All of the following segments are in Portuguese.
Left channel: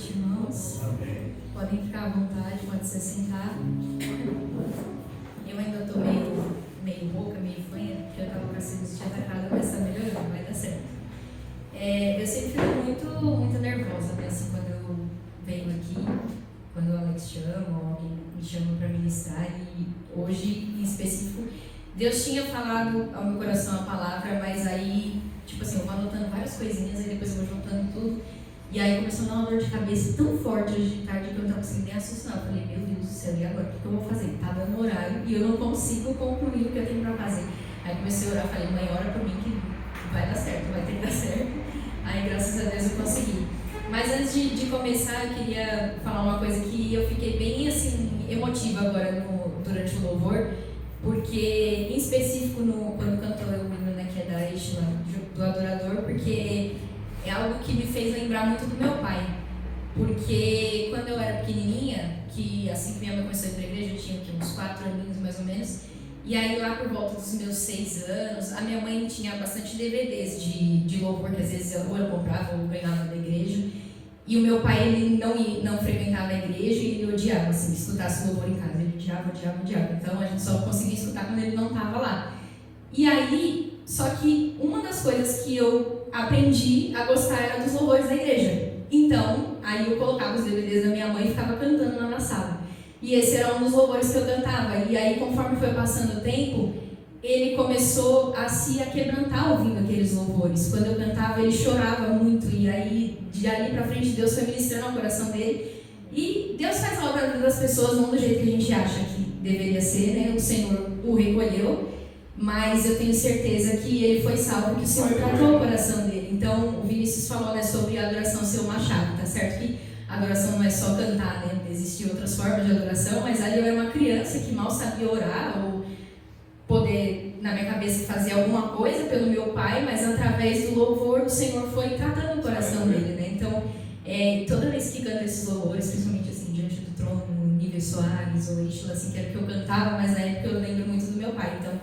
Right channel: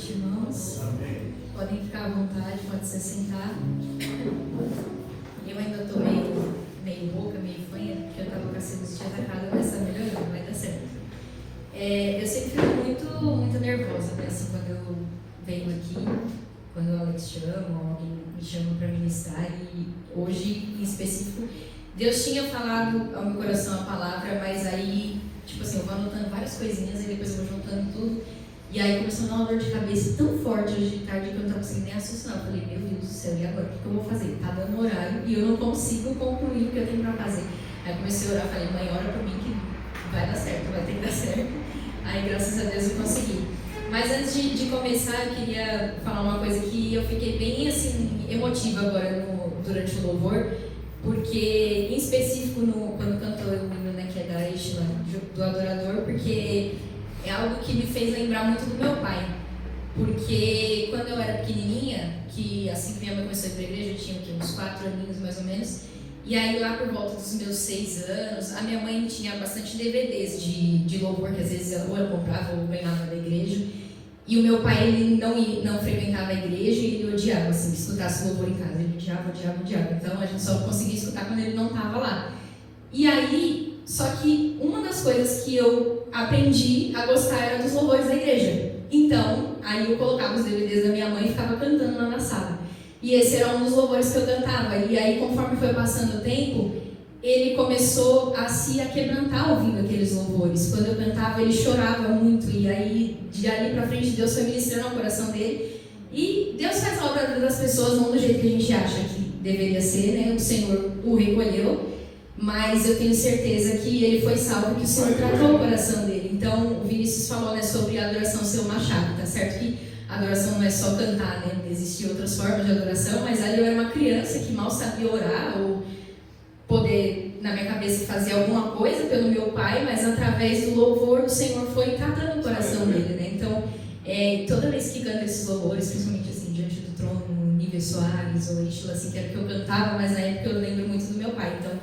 noite, irmãos. Podem ficar à vontade, pode se sentar. Eu ainda estou meio rouca, meio fanha, porque eu estava com a sinusite atacada, mas está melhorando, vai dar certo. Eu sempre fico muito nervosa, né? Assim, quando eu venho aqui, quando o Alex chama, ou alguém me chama para ministrar, e hoje, em específico, Deus tinha falado ao meu coração a palavra, mas aí, tipo assim, eu vou anotando várias coisinhas e depois eu vou juntando tudo. E aí começou a dar uma dor de cabeça tão forte hoje de tarde que eu não estava conseguindo nem assustar. Eu falei, meu Deus do céu, e agora? O que eu vou fazer? Tá dando horário e eu não consigo concluir o que eu tenho para fazer. Aí comecei a orar, falei, mãe, ora para mim que vai dar certo, vai ter que dar certo. Aí graças a Deus eu consegui. Mas antes de começar, eu queria falar uma coisa que eu fiquei bem assim, emotiva agora durante o louvor, porque em específico quando cantou o hino, né, que é da Ishla, do adorador, porque é algo que me fez lembrar muito do meu pai. Porque quando eu era pequenininha, que assim que minha mãe começou a ir para a igreja, eu tinha uns 4 aninhos mais ou menos, e aí lá por volta dos meus 6 anos, a minha mãe tinha bastante DVDs de louvor, que às vezes eu comprava ou ganhava da igreja, e o meu pai, ele não frequentava a igreja e ele odiava, assim, que escutasse louvor em casa, ele odiava, então a gente só conseguia escutar quando ele não estava lá. E aí, só que uma das coisas que eu aprendi a gostar era dos louvores da igreja. Então, aí eu colocava os DVDs da minha mãe e ficava cantando lá na sala. E esse era um dos louvores que eu cantava. E aí, conforme foi passando o tempo, ele começou a se aquebrantar ouvindo aqueles louvores. Quando eu cantava, ele chorava muito. E aí, de ali pra frente, Deus foi ministrando ao coração dele. E Deus faz a obra das pessoas não do jeito que a gente acha que deveria ser, né? O Senhor o recolheu. Mas eu tenho certeza que ele foi salvo, que o Senhor tratou o coração dele. Então, o Vinícius falou, né, sobre a adoração ser uma chave, tá certo? Que a adoração não é só cantar, né? Existiam outras formas de adoração, mas ali eu era uma criança que mal sabia orar ou poder, na minha cabeça, fazer alguma coisa pelo meu pai, mas através do louvor, o Senhor foi tratando o coração dele, né? Então, toda vez que canto esses louvores, principalmente assim, diante do trono, Níveis Soares ou Ishla, assim, que era o que eu cantava, mas na época eu lembro muito do meu pai. Então,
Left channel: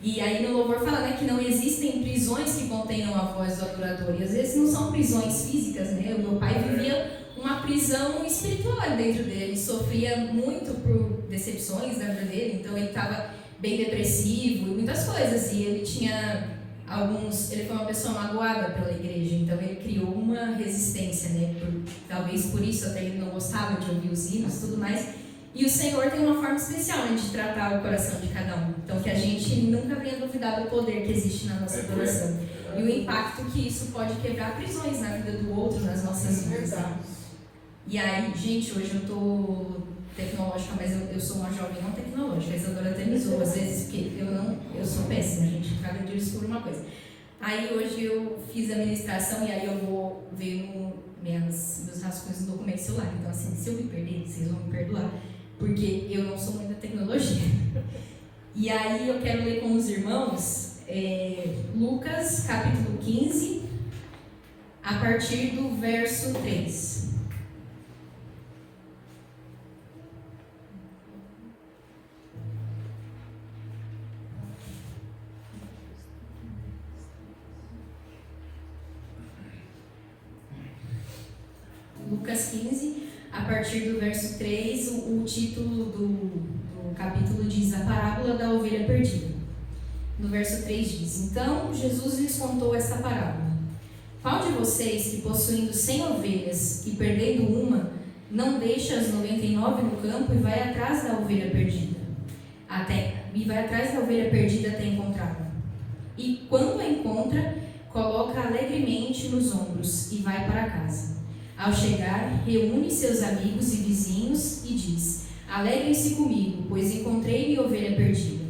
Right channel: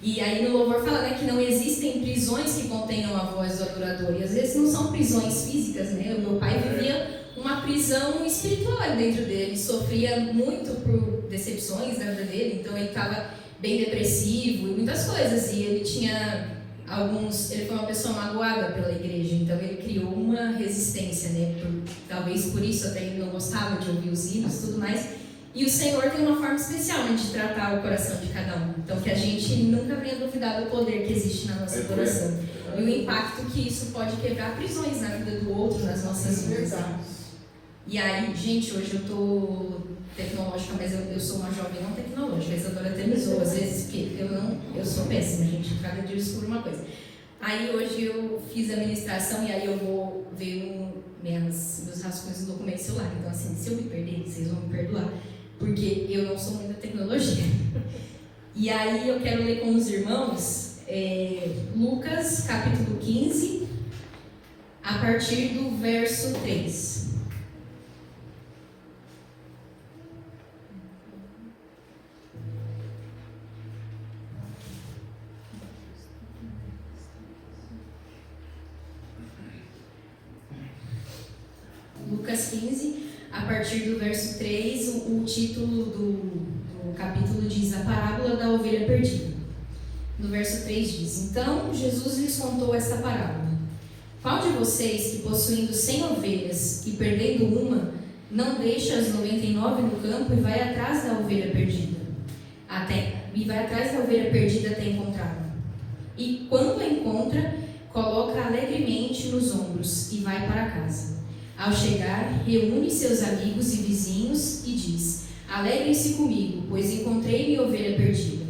e aí no louvor fala, né, que não existem prisões que contenham a voz do adorador. E às vezes não são prisões físicas, né? O meu pai vivia uma prisão espiritual dentro dele. Ele sofria muito por decepções na vida dele. Então ele estava bem depressivo e muitas coisas. E ele ele foi uma pessoa magoada pela igreja. Então ele criou uma resistência, né? Talvez por isso até ele não gostava de ouvir os hinos e tudo mais. E o Senhor tem uma forma especial, né, de tratar o coração de cada um. Então, que a gente nunca venha duvidar do poder que existe na nossa coração. E o impacto que isso pode quebrar prisões na vida do outro, nas nossas vidas. E aí, gente, hoje eu tô tecnológica, mas eu sou uma jovem não tecnológica. A Isadora até me zoa às vezes, porque eu sou péssima, gente. Cada dia eu descubro uma coisa. Aí hoje eu fiz a ministração e aí eu vou ver meus rascunhos do documento celular. Então, assim, se eu me perder, vocês vão me perdoar, porque eu não sou muita tecnologia. E aí eu quero ler com os irmãos Lucas capítulo 15, a partir do verso 3. Lucas 15, a partir do verso 3, o título do capítulo diz a parábola da ovelha perdida. No verso 3 diz, então Jesus lhes contou esta parábola. Qual de vocês que possuindo 100 ovelhas e perdendo uma, não deixa as 99 no campo e vai atrás da ovelha perdida? Vai atrás da ovelha perdida até encontrá-la. E quando a encontra, coloca alegremente nos ombros e vai para casa. Ao chegar, reúne seus amigos e vizinhos e diz, alegrem-se comigo, pois encontrei minha ovelha perdida.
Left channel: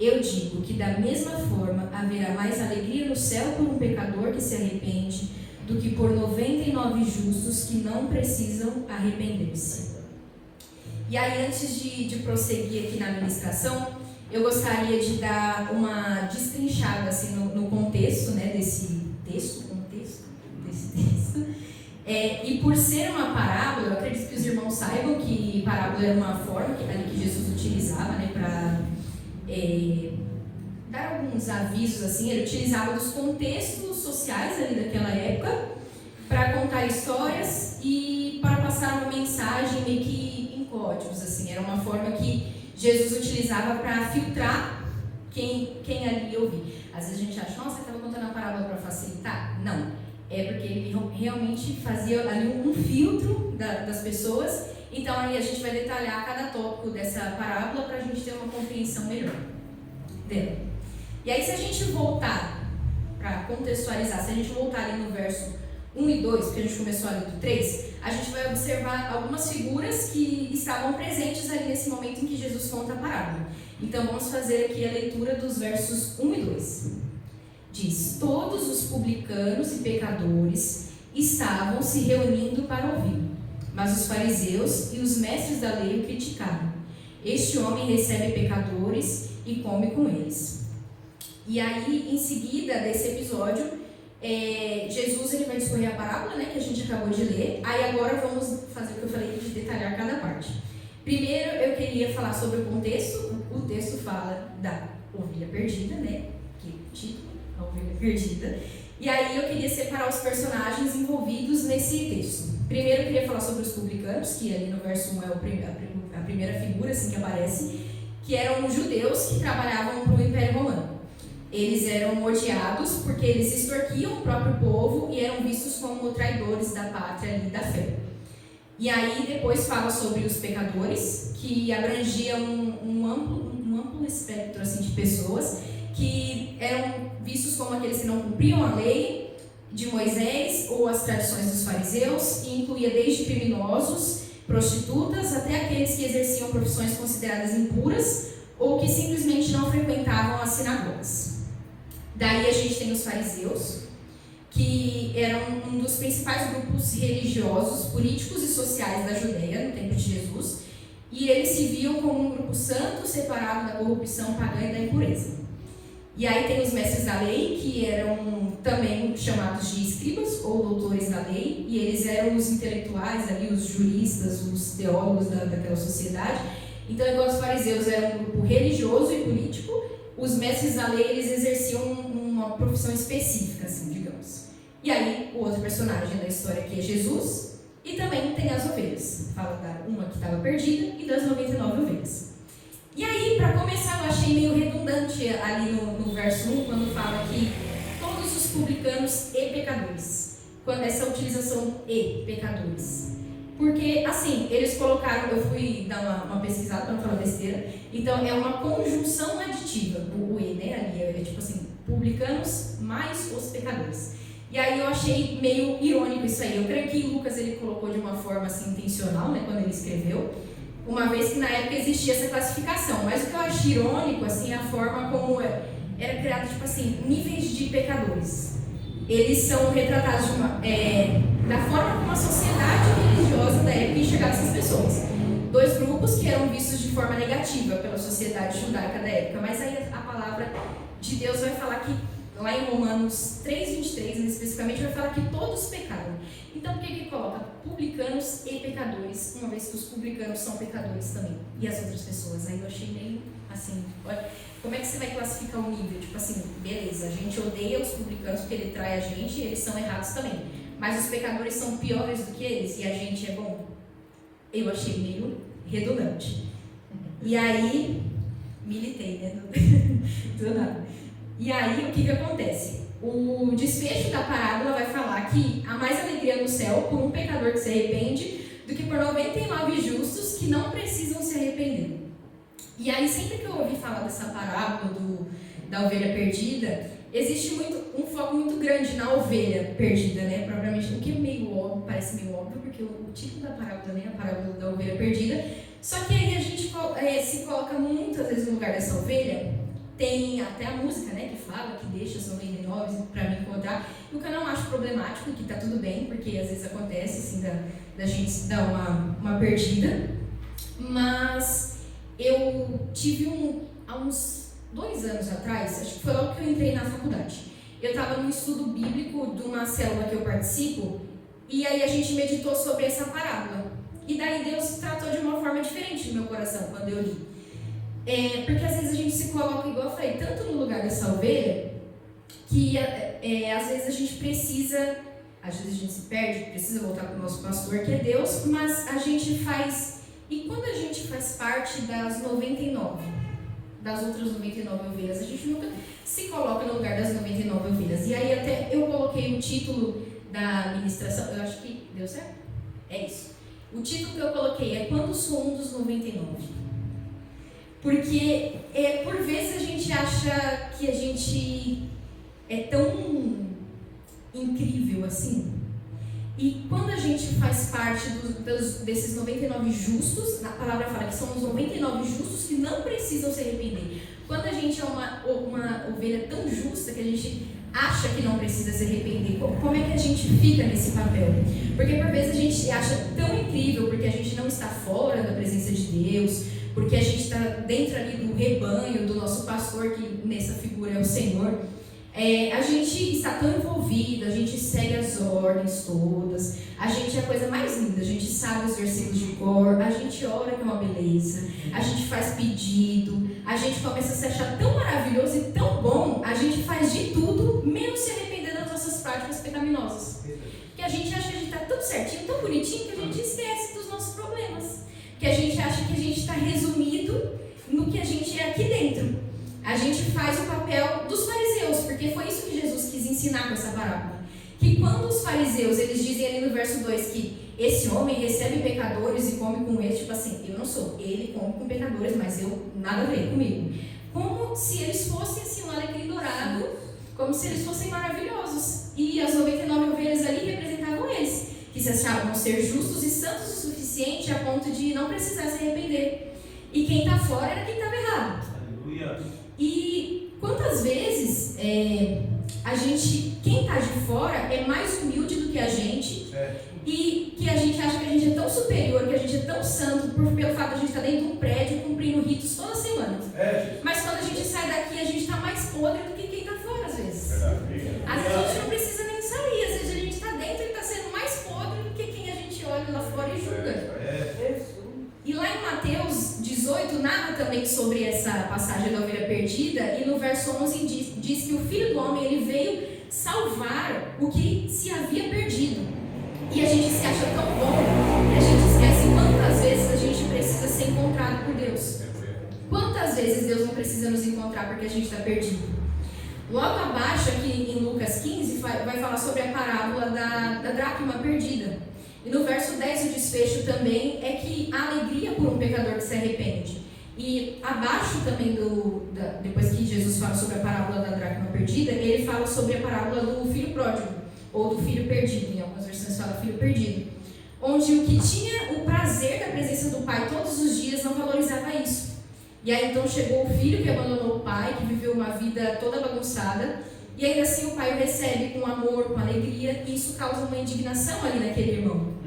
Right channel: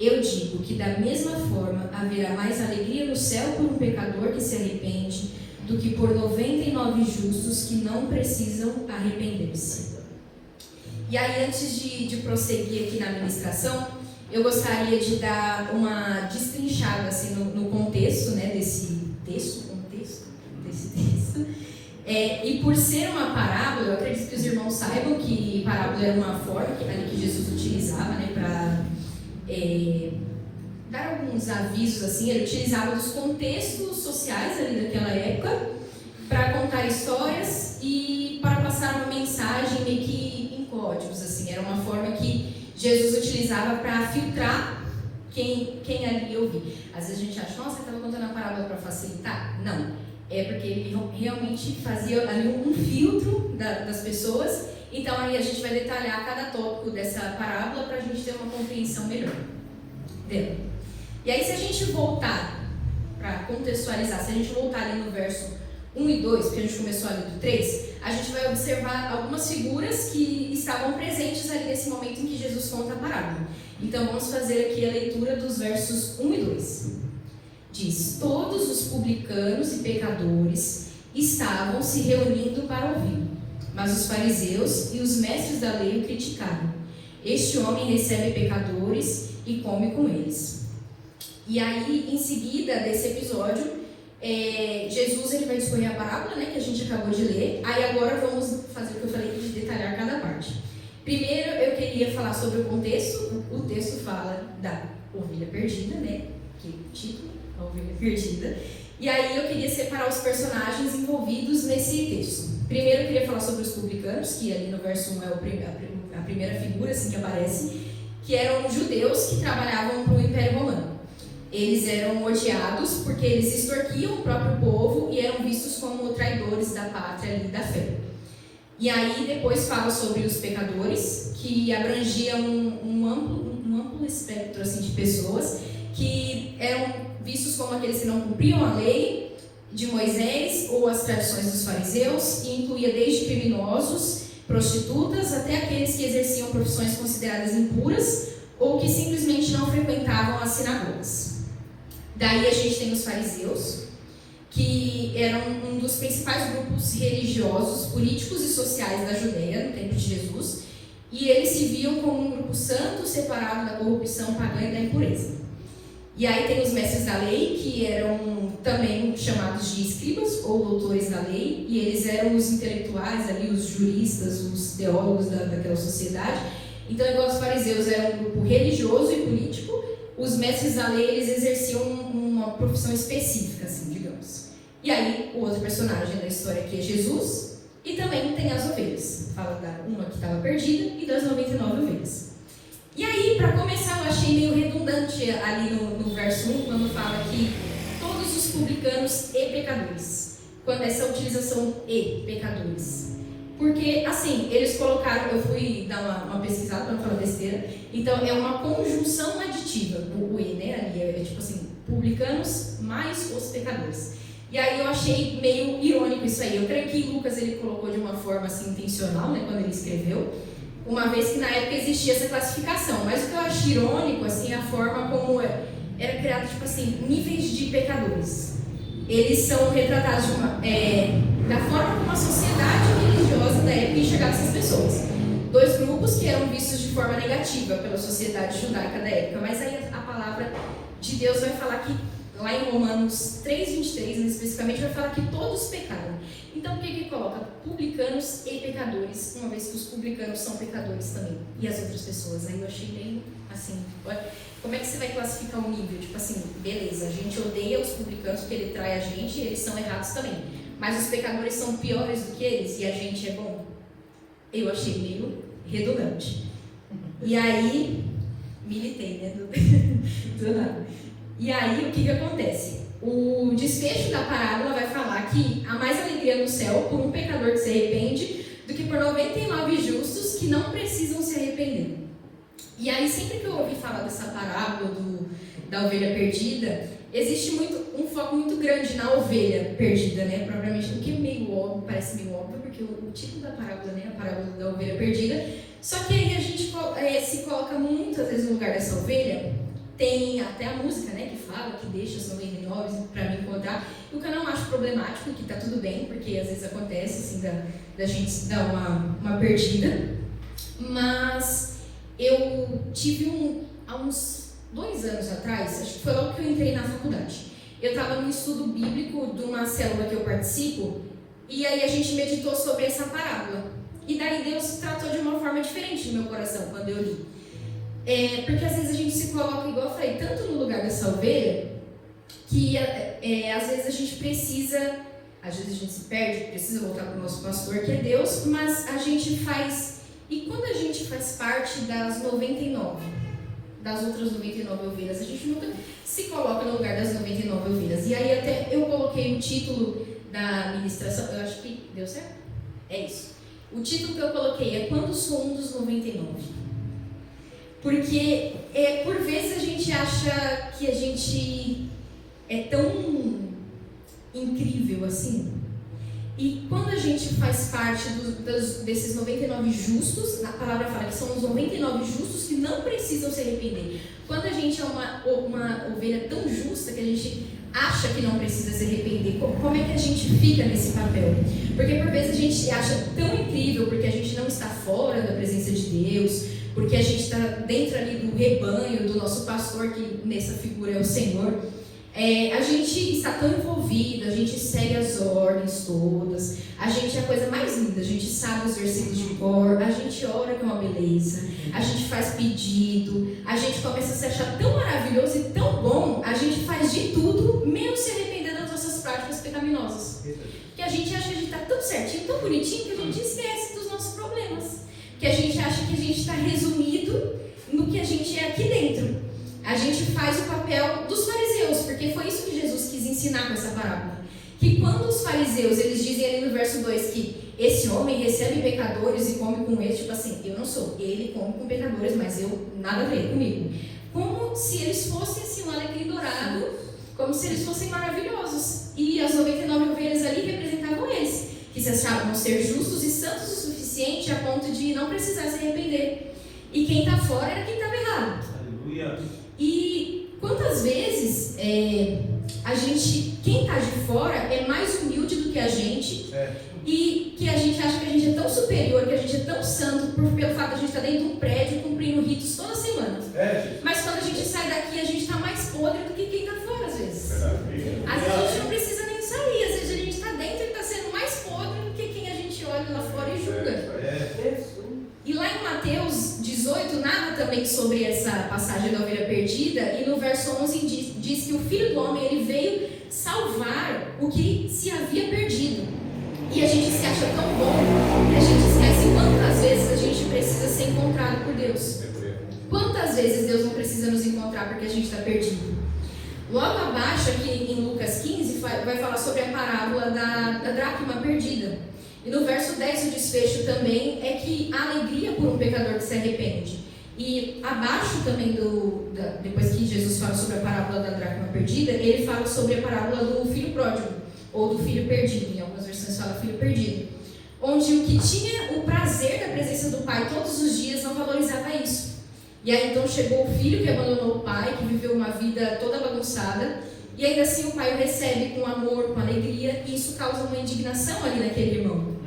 Eu digo que da mesma forma haverá mais alegria no céu por um pecador que se arrepende do que por 99 justos que não precisam arrepender-se. E aí, antes de prosseguir aqui na ministração, eu gostaria de dar uma destrinchada assim, no contexto, né, desse texto. E por ser uma parábola, eu acredito que os irmãos saibam que parábola era uma forma que Jesus utilizava, né, para dar alguns avisos, assim. Ele utilizava dos contextos sociais ali daquela época para contar histórias e para mensagem meio que em códigos, assim, era uma forma que Jesus utilizava para filtrar quem ali ouvia. Às vezes a gente acha, nossa, estava contando a parábola para facilitar. Não, é porque ele realmente fazia ali um filtro das pessoas. Então aí a gente vai detalhar cada tópico dessa parábola para a gente ter uma compreensão melhor dela. E aí se a gente voltar, para contextualizar, se a gente voltar ali no verso 1 e 2, porque a gente começou ali do 3, a gente vai observar algumas figuras que estavam presentes ali nesse momento em que Jesus conta a parábola. Então vamos fazer aqui a leitura dos versos 1 e 2. Diz: todos os publicanos e pecadores estavam se reunindo para ouvir, mas os fariseus e os mestres da lei o criticaram. Este homem recebe pecadores e come com eles. E aí, em seguida desse episódio, Jesus ele vai discorrer a parábola, né, que a gente acabou de ler. Aí agora vamos fazer o que eu falei, de detalhar cada parte. Primeiro eu queria falar sobre o contexto. O texto fala da ovelha perdida, né, que é o título, a ovelha perdida. E aí eu queria separar os personagens envolvidos nesse texto. Primeiro eu queria falar sobre os publicanos, que ali no verso 1 é a primeira figura assim, que aparece, que eram judeus que trabalhavam para o Império Romano. Eles eram odiados porque eles extorquiam o próprio povo e eram vistos como traidores da pátria e da fé. E aí depois fala sobre os pecadores, que abrangiam um amplo espectro assim, de pessoas, que eram vistos como aqueles que não cumpriam a lei de Moisés ou as tradições dos fariseus, e incluía desde criminosos, prostitutas, até aqueles que exerciam profissões consideradas impuras ou que simplesmente não frequentavam as sinagogas. Daí a gente tem os fariseus, que eram um dos principais grupos religiosos, políticos e sociais da Judeia no tempo de Jesus, e eles se viam como um grupo santo, separado da corrupção pagã e da impureza. E aí tem os mestres da lei, que eram também chamados de escribas ou doutores da lei, e eles eram os intelectuais ali, os juristas, os teólogos daquela sociedade. Então, igual os fariseus eram um grupo religioso e político, os mestres da lei, eles exerciam uma profissão específica, assim, digamos. E aí, o outro personagem da história aqui é Jesus, e também tem as ovelhas. Fala da uma que estava perdida e das 99 ovelhas. E aí, para começar, eu achei meio redundante ali no verso 1, quando fala que todos os publicanos e pecadores. Quando essa utilização e pecadores. Porque, assim, eles colocaram, eu fui dar uma pesquisada para falar besteira, então é uma conjunção aditiva do E, né? Ali é tipo assim, publicanos mais os pecadores. E aí eu achei meio irônico isso aí. Eu creio que Lucas ele colocou de uma forma assim, intencional, né, quando ele escreveu, uma vez que na época existia essa classificação. Mas o que eu acho irônico, assim, é a forma como era criado, tipo assim, níveis de pecadores. Eles são retratados da forma como a sociedade religiosa da época enxergava essas pessoas. Dois grupos que eram vistos de forma negativa pela sociedade judaica da época. Mas aí a palavra de Deus vai falar que, lá em Romanos 3:23, especificamente, vai falar que todos pecaram. Então, por que coloca publicanos e pecadores, uma vez que os publicanos são pecadores também, e as outras pessoas? Aí eu achei bem assim, como é que você vai classificar o nível? Tipo assim, beleza, a gente odeia os publicanos porque ele trai a gente e eles são errados também. Mas os pecadores são piores do que eles e a gente é bom? Eu achei meio redundante. E aí, militei, né? Do nada. E aí, o que acontece? O desfecho da parábola vai falar que há mais alegria no céu por um pecador que se arrepende do que por 99 justos que não precisam se arrepender. E aí, sempre que eu ouvi falar dessa parábola da ovelha perdida, existe um foco muito grande na ovelha perdida, né? Propriamente, o que é meio óbvio, parece meio óbvio, porque o título da parábola, né? A parábola da ovelha perdida. Só que aí a gente se coloca muitas vezes no lugar dessa ovelha. Tem até a música, né? Que fala que deixa as 99 para me encontrar. E o que eu não acho problemático, que tá tudo bem, porque às vezes acontece, assim, da gente dar uma perdida. Mas eu tive há uns 2 anos atrás, acho que foi logo que eu entrei na faculdade. Eu estava no estudo bíblico de uma célula que eu participo, e aí a gente meditou sobre essa parábola. E daí Deus tratou de uma forma diferente no meu coração quando eu li. Porque às vezes a gente se coloca, igual eu falei, tanto no lugar dessa ovelha, que às vezes a gente precisa às vezes a gente se perde, precisa voltar para o nosso pastor, que é Deus, mas a gente faz, e quando a gente faz parte das 99, das outras 99 ovelhas, a gente nunca se coloca no lugar das 99 ovelhas. E aí até eu coloquei o título da ministração, eu acho que deu certo? É isso. O título que eu coloquei é Quando sou um dos 99. Porque por vezes a gente acha que a gente é tão incrível assim. E quando a gente faz parte desses 99 justos, a palavra fala que são os 99 justos que não precisam se arrepender. Quando a gente é uma ovelha tão justa que a gente acha que não precisa se arrepender, como é que a gente fica nesse papel? Porque por vezes a gente acha tão incrível porque a gente não está fora da presença de Deus, porque a gente está dentro ali do rebanho do nosso pastor, que nessa figura é o Senhor. A gente está tão envolvido, a gente segue as ordens todas, a gente é a coisa mais linda, a gente sabe os versículos de cor, a gente ora que é uma beleza, a gente faz pedido, a gente começa a se achar tão maravilhoso e tão bom, a gente faz de tudo, menos se arrepender das nossas práticas pecaminosas. Porque a gente acha que a gente está tão certinho, tão bonitinho, que a gente esquece dos nossos problemas. Que a gente acha que a gente está resumido no que a gente é aqui dentro. A gente faz o papel dos fariseus, porque foi isso que Jesus quis ensinar com essa parábola. Que quando os fariseus, eles dizem ali no verso 2 que esse homem recebe pecadores e come com eles, tipo assim, eu não sou, ele come com pecadores, mas eu nada a ver comigo. Como se eles fossem assim, um alecrim dourado, como se eles fossem maravilhosos. E as 99 ovelhas ali representavam eles, que se achavam ser justos e santos o suficiente a ponto de não precisar se arrepender. E quem está fora era quem estava errado. Aleluia. E quantas vezes quem está de fora é mais humilde do que a gente, e que a gente acha que a gente é tão superior, que a gente é tão santo pelo fato de a gente estar dentro de um prédio cumprindo ritos toda semana. Mas quando a gente sai daqui, a gente está mais podre do que quem está fora, às vezes. Às vezes a gente não precisa nem sair, às vezes a gente está dentro e está sendo mais podre do que quem a gente olha lá fora e julga. E lá em Mateus 18, narra também sobre essa passagem da ovelha perdida, e no verso 11 diz que o Filho do Homem ele veio salvar o que se havia perdido. E a gente se acha tão bom que a gente esquece quantas vezes a gente precisa ser encontrado por Deus. Quantas vezes Deus não precisa nos encontrar porque a gente está perdido. Logo abaixo, aqui em Lucas 15, vai falar sobre a parábola da dracma perdida. E no verso 10 o desfecho também é que a alegria por um pecador que se arrepende. E abaixo também, depois que Jesus fala sobre a parábola da dracma perdida, ele fala sobre a parábola do filho pródigo, ou do filho perdido, em algumas versões fala filho perdido. Onde o que tinha o prazer da presença do pai todos os dias não valorizava isso. E aí então chegou o filho que abandonou o pai, que viveu uma vida toda bagunçada, e ainda assim o pai o recebe com amor, com alegria, e isso causa uma indignação ali naquele irmão.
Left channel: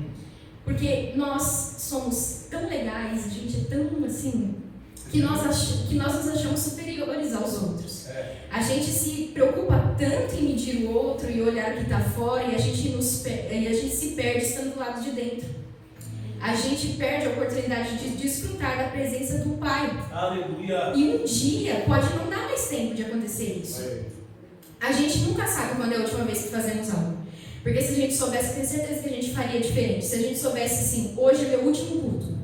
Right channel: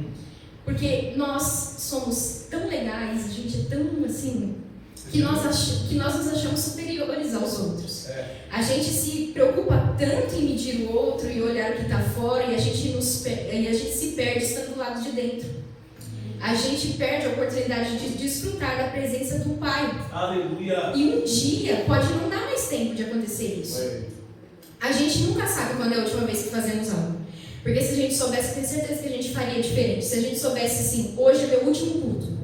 Porque nós somos tão legais, a gente é tão assim, que nós nos achamos superiores aos outros. A gente se preocupa tanto em medir o outro e olhar o que está fora, e a gente se perde estando do lado de dentro. A gente perde a oportunidade de desfrutar da presença do Pai. Aleluia. E um dia pode não dar mais tempo de acontecer isso. A gente nunca sabe quando é a última vez que fazemos algo. Porque se a gente soubesse, tenho certeza que a gente faria diferente. Se a gente soubesse assim, hoje é meu último culto.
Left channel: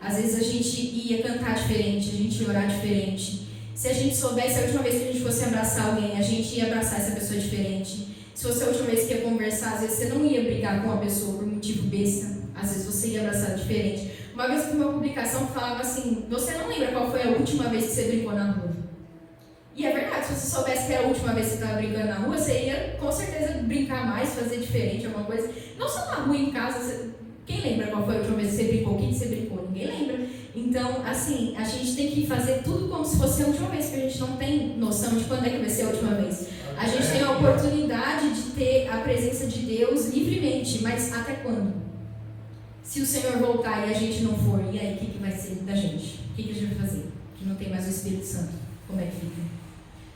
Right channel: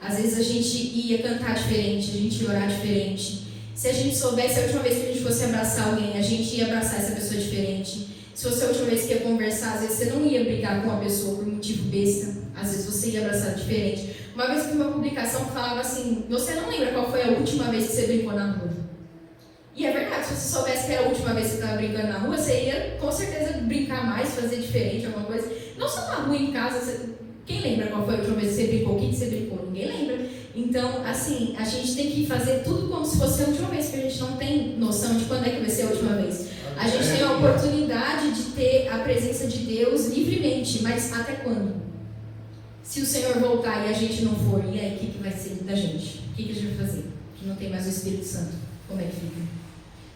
Às vezes a gente ia cantar diferente, a gente ia orar diferente. Se a gente soubesse a última vez que a gente fosse abraçar alguém, a gente ia abraçar essa pessoa diferente. Se fosse a última vez que ia conversar, às vezes você não ia brigar com uma pessoa por motivo besta. Às vezes você ia abraçar diferente. Uma vez que uma publicação falava assim, você não lembra qual foi a última vez que você brincou na rua? E é verdade, se você soubesse que era a última vez que você estava brincando na rua, você ia com certeza brincar mais, fazer diferente, alguma coisa. Não só na rua, em casa, quem lembra qual foi a última vez que você brincou? O que você brincou? Ninguém lembra. Então, assim, a gente tem que fazer tudo como se fosse a última vez, porque a gente não tem noção de quando é que vai ser a última vez. A gente tem a oportunidade de ter a presença de Deus livremente, mas até quando? Se o Senhor voltar e a gente não for, e aí, o que vai ser da gente? O que a gente vai fazer? Que não tem mais o Espírito Santo. Como é que fica?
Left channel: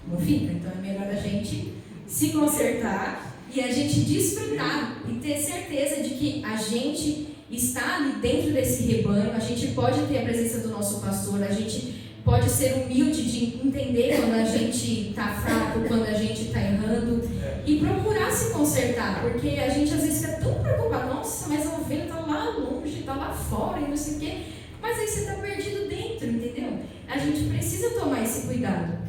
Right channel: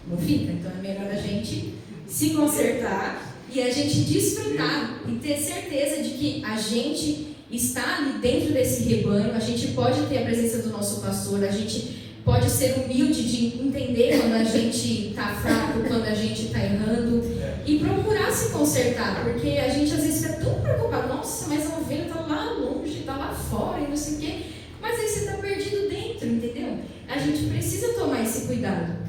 Não fica, então é melhor a gente se consertar e a gente desfrutar e ter certeza de que a gente está ali dentro desse rebanho, a gente pode ter a presença do nosso pastor, a gente pode ser humilde de entender quando a gente está fraco, quando a gente está errando e procurar se consertar, porque a gente às vezes fica tão preocupado, nossa, mas a ovelha está lá longe, está lá fora e não sei o quê, mas aí você está perdido dentro, entendeu? A gente precisa tomar esse cuidado.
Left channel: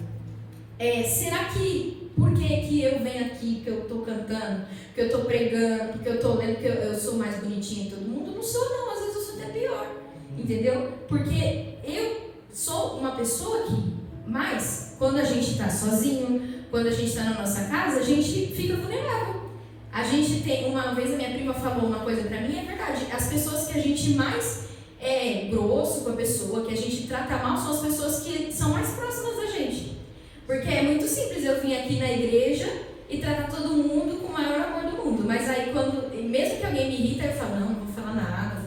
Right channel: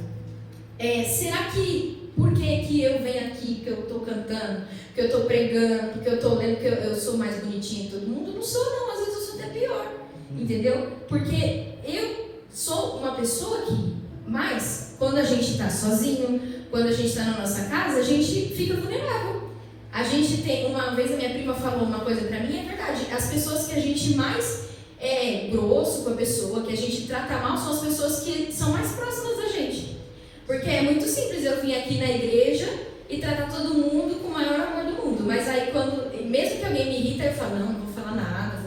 Será que, por que eu venho aqui, que eu estou cantando, que eu estou pregando, porque eu estou lendo que eu sou mais bonitinha que todo mundo? Não sou não, às vezes eu sou até pior, entendeu? Porque eu sou uma pessoa que, mas quando a gente está sozinho, quando a gente está na nossa casa, a gente fica vulnerável. A gente tem, uma vez a minha prima falou uma coisa pra mim, é verdade, as pessoas que a gente mais é grosso com a pessoa, que a gente trata mal, são as pessoas que são mais próximas da gente. Porque é muito simples eu vir aqui na igreja e tratar todo mundo com o maior amor do mundo, mas aí quando, mesmo que alguém me irrita, eu falo, não vou falar nada,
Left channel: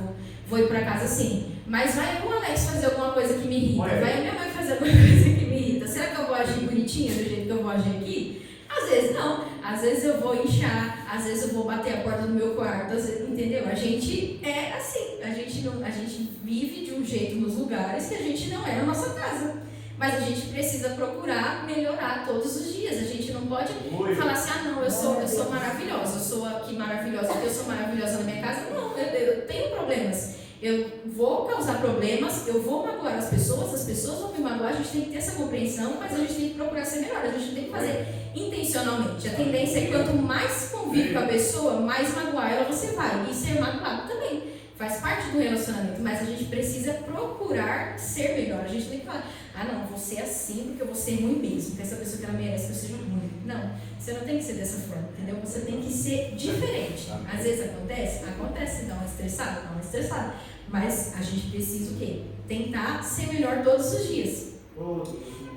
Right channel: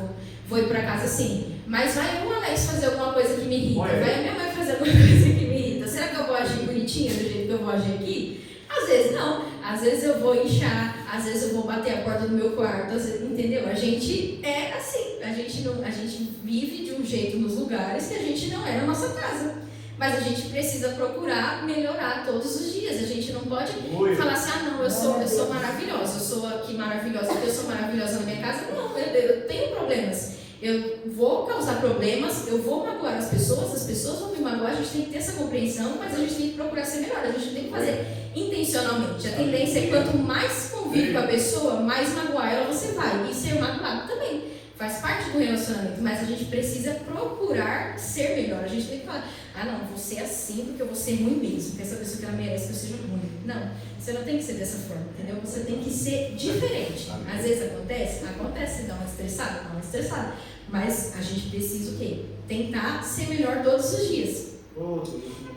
vou ir pra casa assim. Mas vai o Alex fazer alguma coisa que me irrita, vai minha mãe fazer alguma coisa que me irrita. Será que eu vou agir bonitinha do jeito que eu vou agir aqui? Às vezes não, às vezes eu vou inchar, às vezes eu vou bater a porta do meu quarto, às vezes, entendeu? A gente é assim, a gente vive de um jeito nos lugares que a gente não é na nossa casa. Mas a gente precisa procurar melhorar todos os dias. A gente não pode falar assim, ah não, eu sou maravilhosa, eu sou aqui maravilhosa, porque eu sou maravilhosa na minha casa. Não, eu tenho problemas. Eu vou causar problemas, eu vou magoar as pessoas vão me magoar, a gente tem que ter essa compreensão, mas a gente tem que procurar ser melhor, a gente tem que fazer intencionalmente. A tendência é que quanto mais convive com a pessoa, mais magoar ela você vai, e ser magoado também. Faz parte do relacionamento, mas a gente precisa procurar ser melhor. A gente tem que falar, ah não, vou ser assim porque eu vou ser ruim mesmo, porque essa pessoa que ela merece que eu seja ruim. Não, você não tem que ser dessa forma, entendeu? Você tem que ser diferente. Às vezes acontece, dá uma estressada, mas a gente precisa o quê? Tentar ser melhor todos os dias.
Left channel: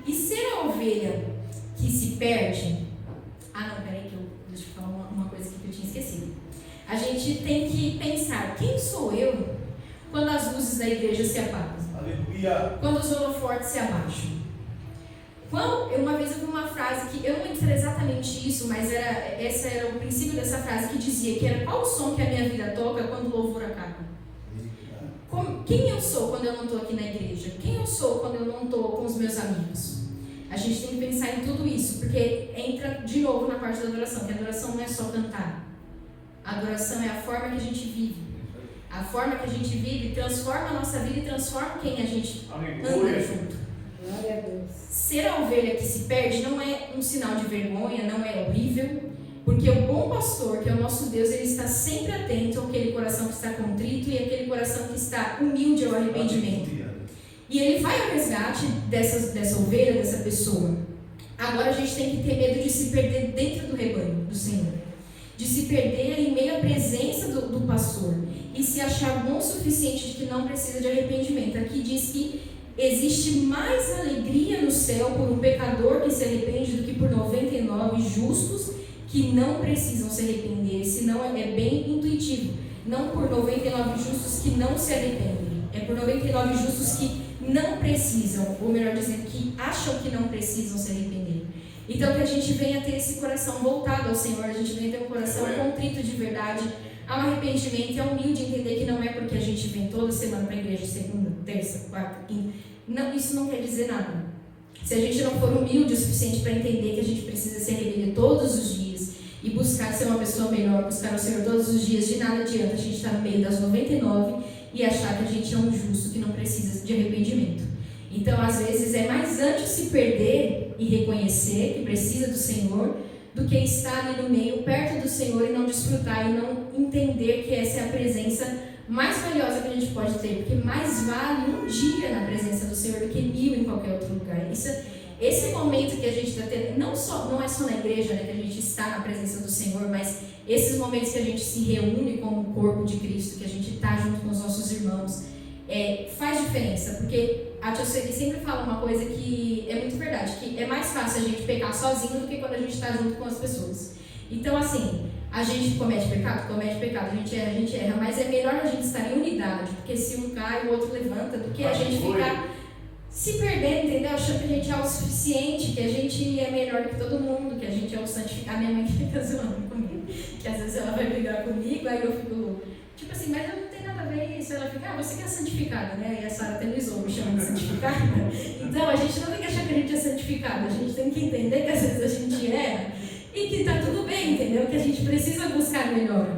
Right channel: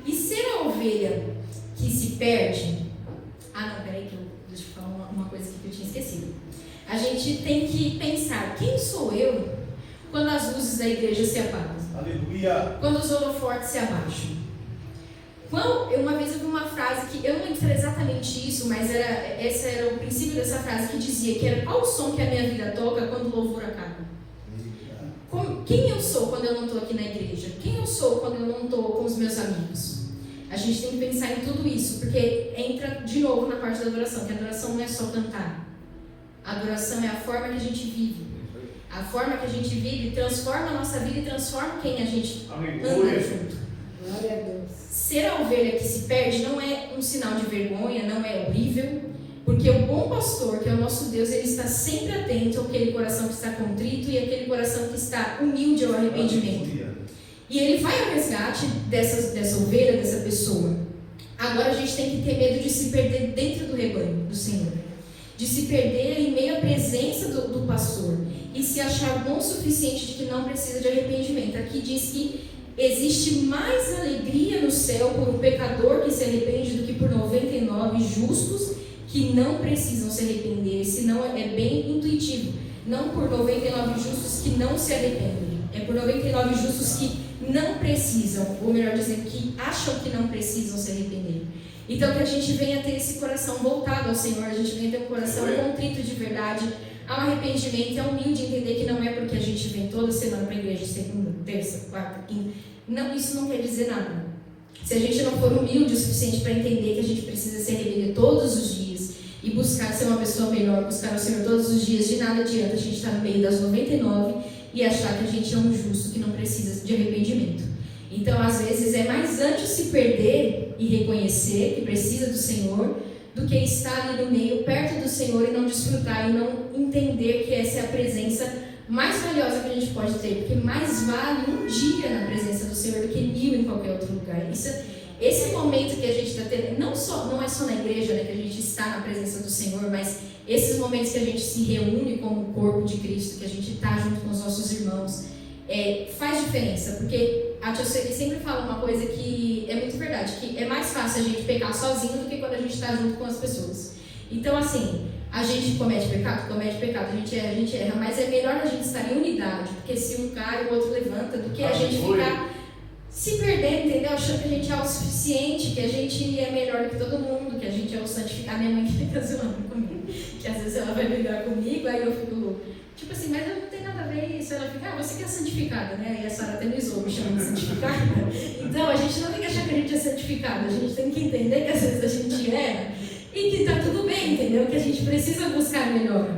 E ser a ovelha que se perde, deixa eu falar uma coisa aqui que eu tinha esquecido. A gente tem que pensar, quem sou eu quando as luzes da igreja se apagam? Aleluia. Quando os holofotes se abaixam? Uma vez eu vi uma frase que, eu não lembro exatamente isso, mas esse era o princípio dessa frase, que dizia que era qual o som que a minha vida toca quando o louvor acaba? Quem eu sou quando eu não estou aqui na igreja? Quem eu sou quando eu não estou com os meus amigos? A gente tem que pensar em tudo isso, porque entra de novo na parte da adoração, que a adoração não é só cantar. A adoração é a forma que a gente vive. A forma que a gente vive transforma a nossa vida e transforma quem a gente anda junto. Glória a Deus. Ser a ovelha que se perde não é um sinal de vergonha, não é horrível, porque o bom pastor, que é o nosso Deus, ele está sempre atento àquele coração que está contrito e àquele coração que está humilde ao arrependimento. E ele vai ao resgate dessa ovelha, dessa pessoa. Agora a gente tem que ter medo de se perder dentro do rebanho do Senhor. De se perder em meio à presença do pastor e se achar bom o suficiente de que não precisa de arrependimento. Aqui diz que existe mais alegria no céu por um pecador que se arrepende do que por 99 justos que não precisam se arrepender. Senão é bem intuitivo. Não por 99 justos que não se arrependem, é por 99 justos que não precisam, ou melhor dizendo, que acham que não precisam se arrepender. Então que a gente venha ter esse coração voltado ao Senhor, a gente venha ter um coração contrito de verdade, ao arrependimento, é humilde entender que não é porque a gente vem toda semana para a igreja, segunda, terça, quarta, quinta, não, isso não quer dizer nada. Se a gente não for humilde o suficiente para entender que a gente precisa se arrepender todos os dias e buscar ser uma pessoa melhor, buscar o Senhor todos os dias, de nada adianta a gente estar no meio das 99 e achar que a gente é um justo que não precisa de arrependimento. Então, às vezes, é mais antes se perder e reconhecer que precisa do Senhor do que estar ali no meio, perto do Senhor e não desfrutar e não entender que essa é a presença mais valiosa que a gente pode ter, porque mais vale um dia na presença do Senhor do que 1000 em qualquer outro lugar. Esse momento que a gente está tendo, não é só na igreja, né, que a gente está na presença do Senhor, mas esses momentos que a gente se reúne como corpo de Cristo, que a gente está junto com os nossos irmãos, faz diferença, porque a tia Sueli sempre fala uma coisa que é muito verdade, que é mais fácil a gente pecar sozinho do que quando a gente está junto com as pessoas. Então, assim, a gente comete pecado, a gente erra, mas é melhor a gente estar em unidade, porque se um cai, o outro levanta, do que a gente ficar se perdendo, entendeu? Achando que a gente é autossuficiente, que a gente é melhor do que todo mundo, que a gente é o santificado. Minha mãe que fica zoando comigo, que às vezes ela vai brigar comigo, aí eu fico tipo assim, mas eu não tenho nada a ver isso, ela fica, você que é santificada, né? E a Sara até me zoou, me chamando de santificada. Então, a gente não tem que achar que a gente é santificada, a gente tem que entender que às vezes a gente é e que tá tudo bem, entendeu? Que a gente precisa buscar melhor.